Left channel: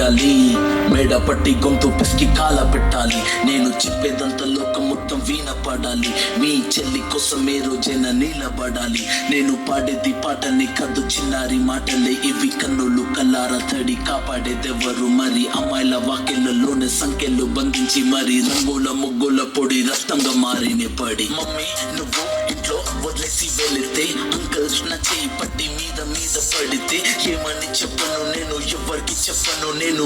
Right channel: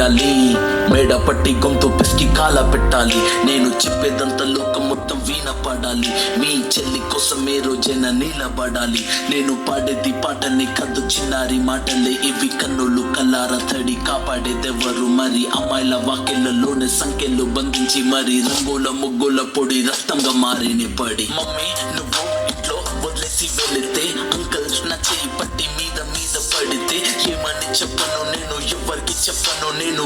వేయాలి, మేడ పట్టి గొంతు పిసికి కాల పెట్టాలి. నేను చెప్పేదంతా లోకం మొత్తం వీణ పడాలి. మీ చెల్లి కోసం ఏ రోజైనా నిలబడాలి. నేను పాడేది పాటని కద్దు చిన్నారి మాటలే ఇవి. కన్నులు కల్లార తడి కాపాడేదెవరు మరి? అమ్మాయిల వాకిళ్లలోనే సంఖ్యలు బంధించి మరి రంగుల ముగ్గుల పొడి రక్తంగా మారిన పడి. మమ్మీ నువ్వు ఇంట్లో వదిలేసి వెళితే, అంకల్ నా చేయి పట్టి మీద మీద పడితే ఏమని చెప్పను నేను, ఎవరికి చెప్పను నేను.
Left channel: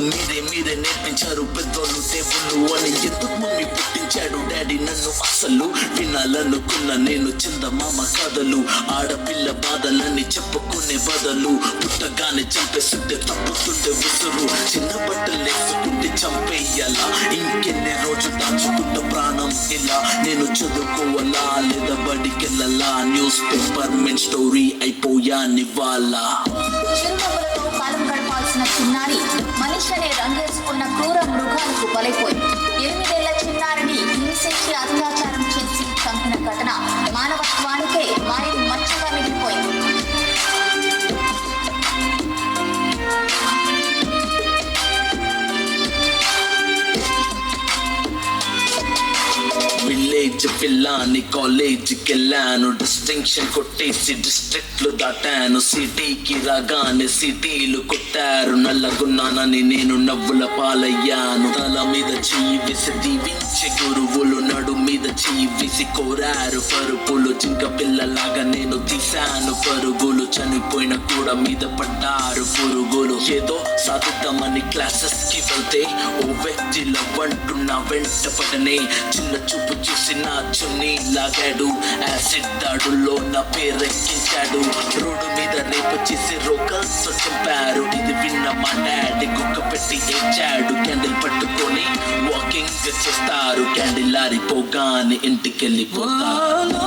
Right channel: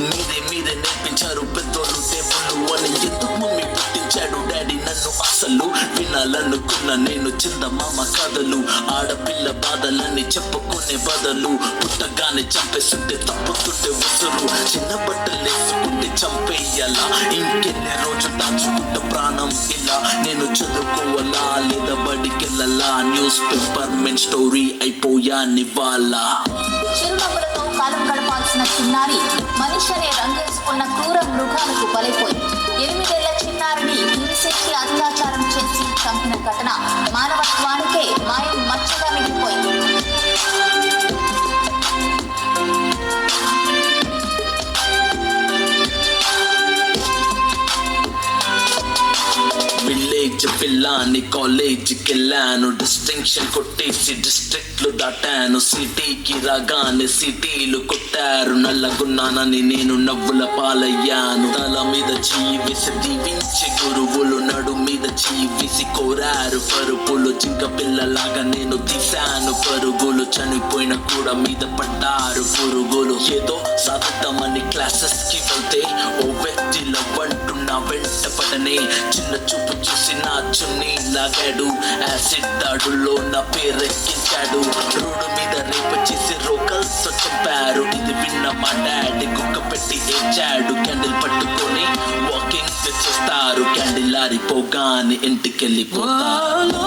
మీరే నేర్పించారు పెద్దోళ్ళు దేవుళ్ళు అని. ఎందుకు మమ్మీ పుట్టించాడు డాడీ నన్ను? అసలు వినాలనుకున్న నేను చందమామ కథలు. ఆడపిల్ల బాధలని చెప్పుకునే బదులు పుట్టగానే చంపేస్తుంటే తప్పుతుంటే ఉసురు. చిన్న బట్టలు వేసుకుంటే చంపేయాలా? ఇంకెన్ని రోజు దాచుకుంటే ప్రాణం ఇలా? నేను చదువుకోవాలా లేదా బడికెళ్ళాలా? న్యూస్ పేపర్ మెయిన్ స్టోరీ అయిపోయా నివాలా. చిరునవ్వులతో కాలం గడపాల్సిన చిన్నారి మనిషి అనే రంగేసుకున్న క్రూర మృగాలకు బలైపోయింది. 8 ఏళ్ల చిన్నారిని హింసించి అత్యాచారం చేసి చంపిన ఘటన మానవత్వానికే మాయం మచ్చగా మిగిలిపోయింది. విలేజ్ పిల్లాని కాలేజీకి వెళ్ళాను, డిస్టింక్షన్ కొట్టేసి డిస్ట్రిక్ట్లు దాటాను. సిటీకి రాగానే సిటీలు కొట్టారు, నల్లగున్నానని నేను నవ్వుల పాలయ్యాను. తల మీద చెయ్యి వేసి దీవించి గురువులు, నడు మీద చెయ్యి వేసి కోరారు పరుపులు. జింక పిల్లలాగా నేను తీశాను పరుగులు, చనిపోయిన కూడా మీద పడ్డారు పురుగులు. ఏదో సాగుతామని క్లాసెస్ కి వెళ్తే ఓ వ్యక్తి లవ్వంటున్నా వెంట పడనే. చిన్న చూపు చూసి నా చున్నీ లాగాడు, యాసిడ్ దాడుల్లో నా పేరెక్కించాడు. రోడ్డు మీద రేపు చేసి రోకల్స్ చంపారు. ఇది విన్న మా డాడీ కుక్క పెట్టి ఏడ్చాడు. క్యాండిల్ పట్టుకొని వాకింగ్ చేస్తారు, క్యాండిల్ ఆరిపోగానే ఇంటికెళ్ళిపోతారు.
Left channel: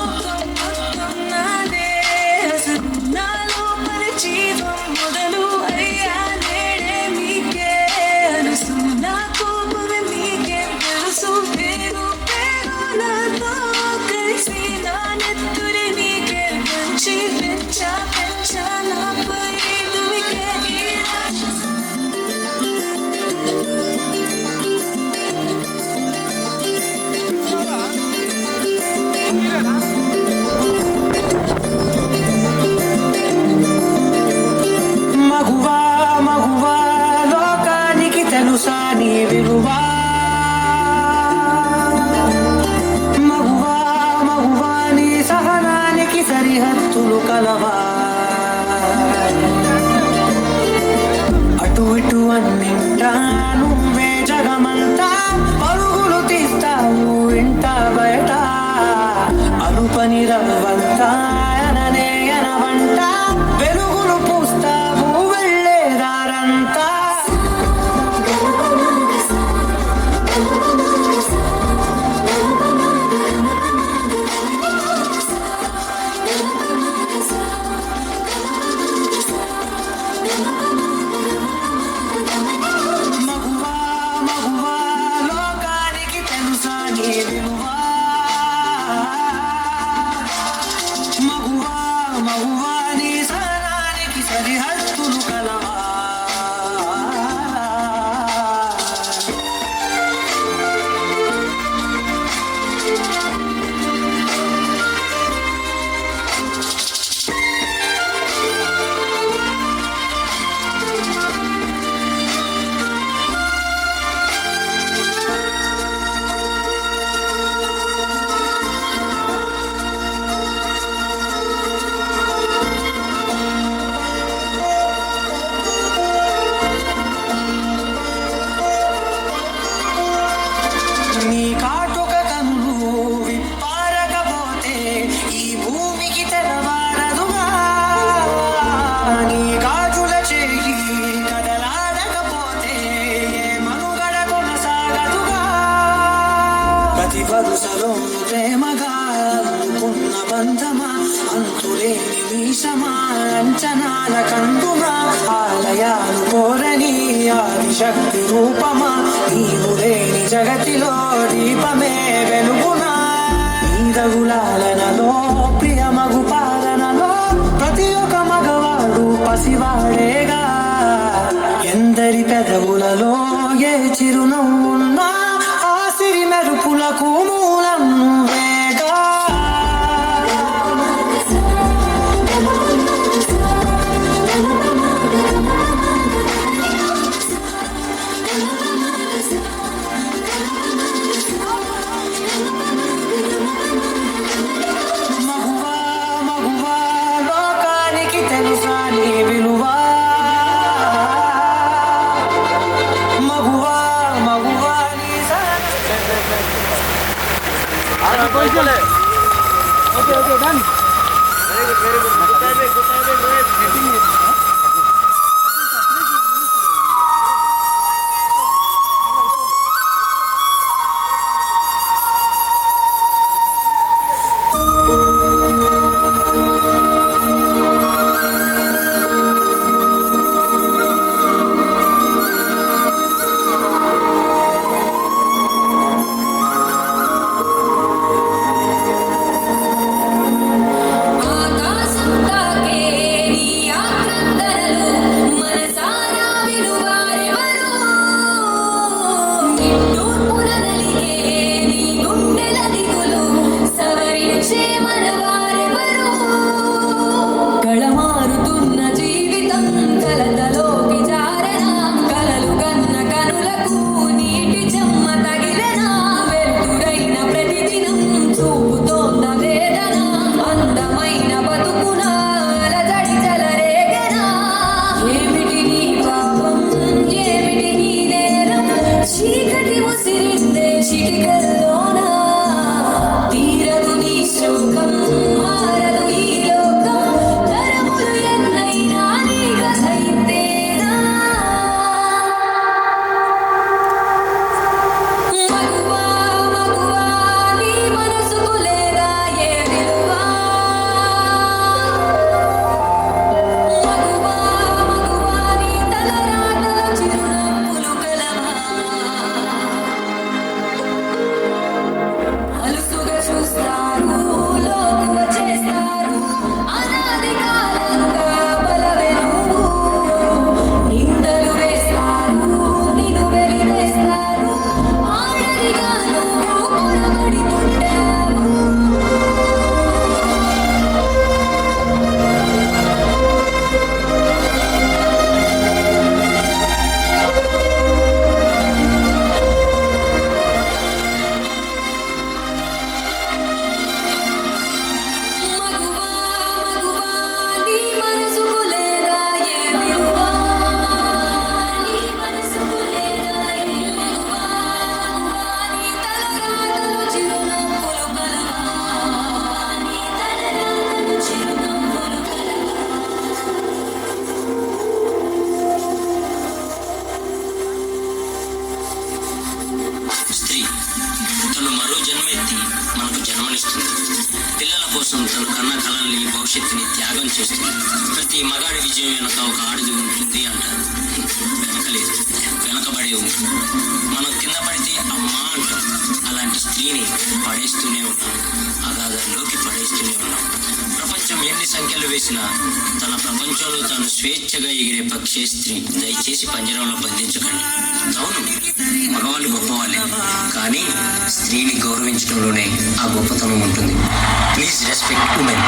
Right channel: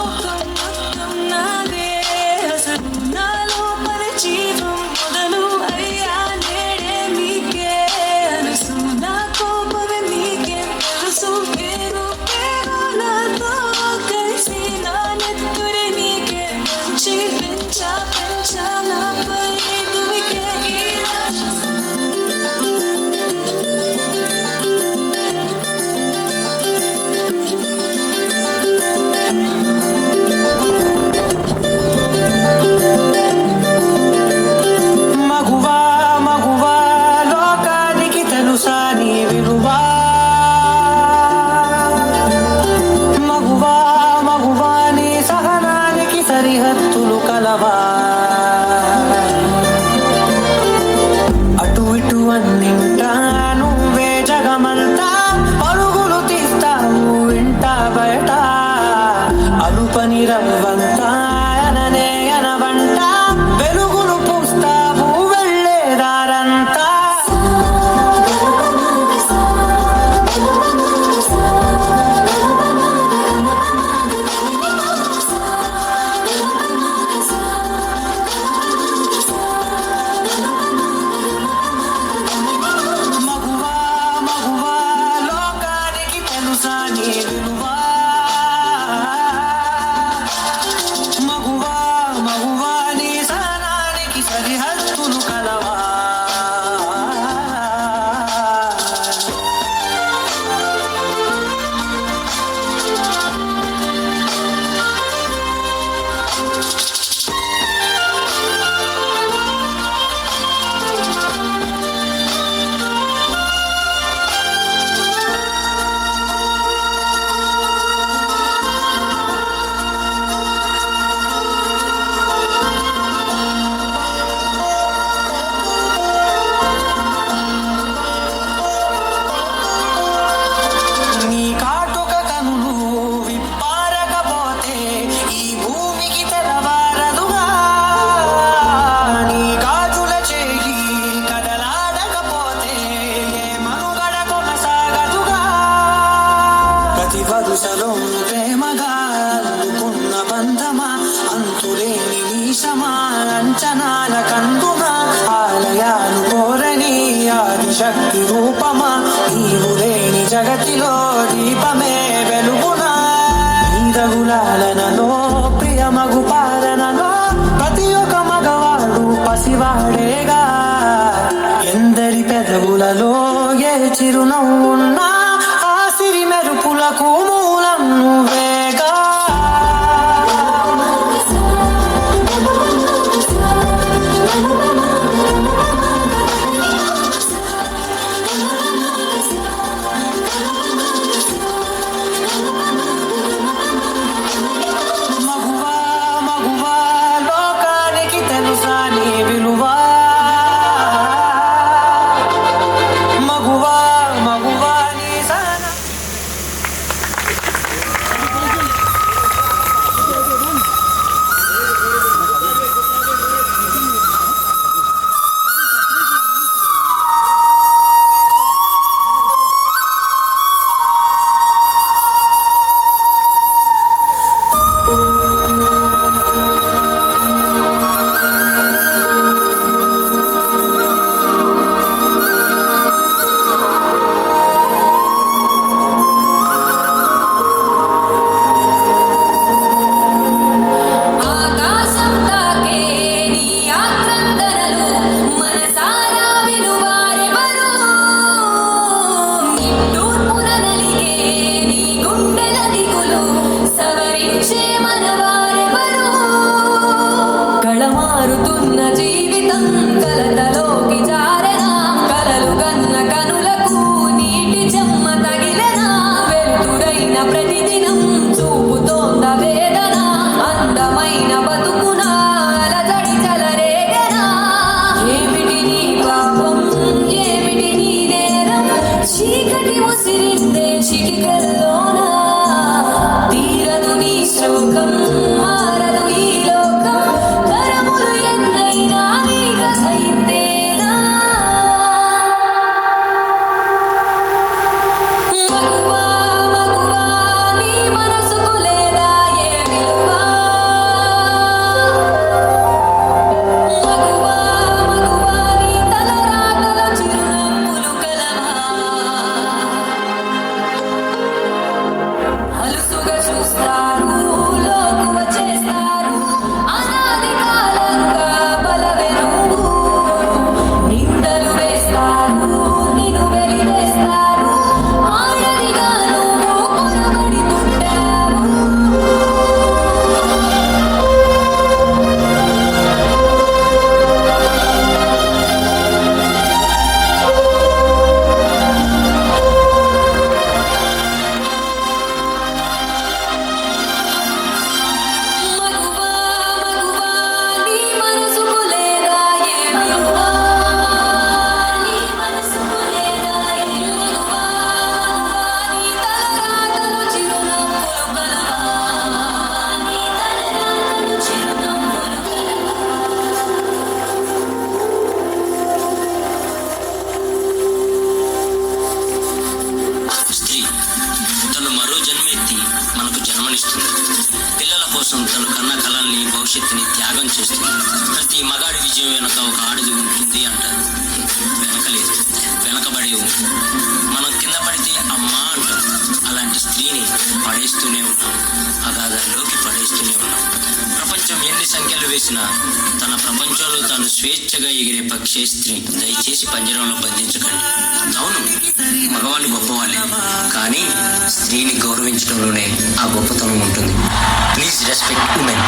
అటు ఇటు అన్నింటా నువ్వే జగమంతా, పరుగులు తీస్తావు ఇంట బయట. అరుపని రవ్వంతా అననే అనవంట, వెలుగులు పూస్తావు వెళ్ళేదారంతా. సరిహద్దులు కలవా వరుసలో ప్రేమగా అనుకున్న బంధమా, అంతులేని వీసమా, అంచనాల కందుమా, ఆలయాలు కోరని ఆదిశక్తి రూపమా, నీవు లేని జగతిలో దీపమే వెలుగునా. నీరగులాలనలో ప్రియమగు పాలనలో ప్రతి ఒక్క మగవాడు పసివాడేగా. ఎందరి పెదవులలో ఏ చిరునవ్వున్నా ఆ సిరి మెరుపులకు మూలం నువ్వేగా. మగువా మగువా లోకానికి తెలుసా నీ విలువా. మగువా మగువా నీ ఆకాశం తాకే నీ యాత్రందరలు మనసారా విలువారెవరు. నిట్టూర్పున నలిగే నీ గుండెల దిగులు సవరించే మనవారెవరు. కళమారుతున్న జీవితం కలతలోకి జారెనా. కలలు కన్న కనులకు నీటి చెమ్మ తగిలెనా. వెలుతురైన ప్రతిదినం చూపుతోంద వేదన. అందమైన బతుకున అలజడి చెలరేగెనా. ఏమిటి నీ పాపం ఏమిటి నీ నేరం. చీకటి ముసిరిందే చిటికల్లోన. తీరదు నీ శోకం మారదు ఈ లోకం. తరములు ఎన్నైనా నీ కథ ఇంతేనా. మగువా మగువా నీ మనసుకు లేదా ఏ విలువా. మగువా మగువా నీ తలరాతల చిరునవ్వులు కలవా. అలుసుగా చూస్తారు లోకువ చేస్తారు. అనాది కాలంగా బలవెరుగు నిందలు వేస్తారు నిన్ను వెలివేస్తారు. ఆడదిగా నువ్వు కొనబడి పుట్టావు. మగువా మగువా నీ మనసుకు లేదా ఏ విలువా. నీ మనసుకు లేదా ఏ విలువా. నీ తలరాతలు చిరునవ్వులు కలవా. నీ తలరాతలు చిరునవ్వులు కలవా. స్త్రీ తను మరో జన్మెత్తి మనకు జన్మనిస్తుంది. పిల్లల కోసం తను కన్న కలల్ని భవిష్యత్తుని త్యాగం చేస్తుంది. ప్రతి మగాడి విజయం వెనుక ఒక ఆడది ఉంటుంది అంటారు. వెనకలేదు వెనకబడే ఉంది. మనం కింద పడితే అమ్మా అంటాం. అలాంటి స్త్రీని పడేస్తూనే ఉన్నాం. అగాధంలోకి పడేస్తూనే ఉన్నాం. ప్రపంచం ఎన్ని సంఖ్యలు వేసినా తన ప్రపంచంలో తాను స్వేచ్ఛగా ఎగిరే పక్షే స్త్రీ. దయచేసి పంజరంలో బంధించకండి. అవును, మగవాళ్ళు గొప్పవాళ్ళే, కానీ స్త్రీని గౌరవించడంలోనే ఆ గొప్పతనం ఉంటుంది. Please respect women.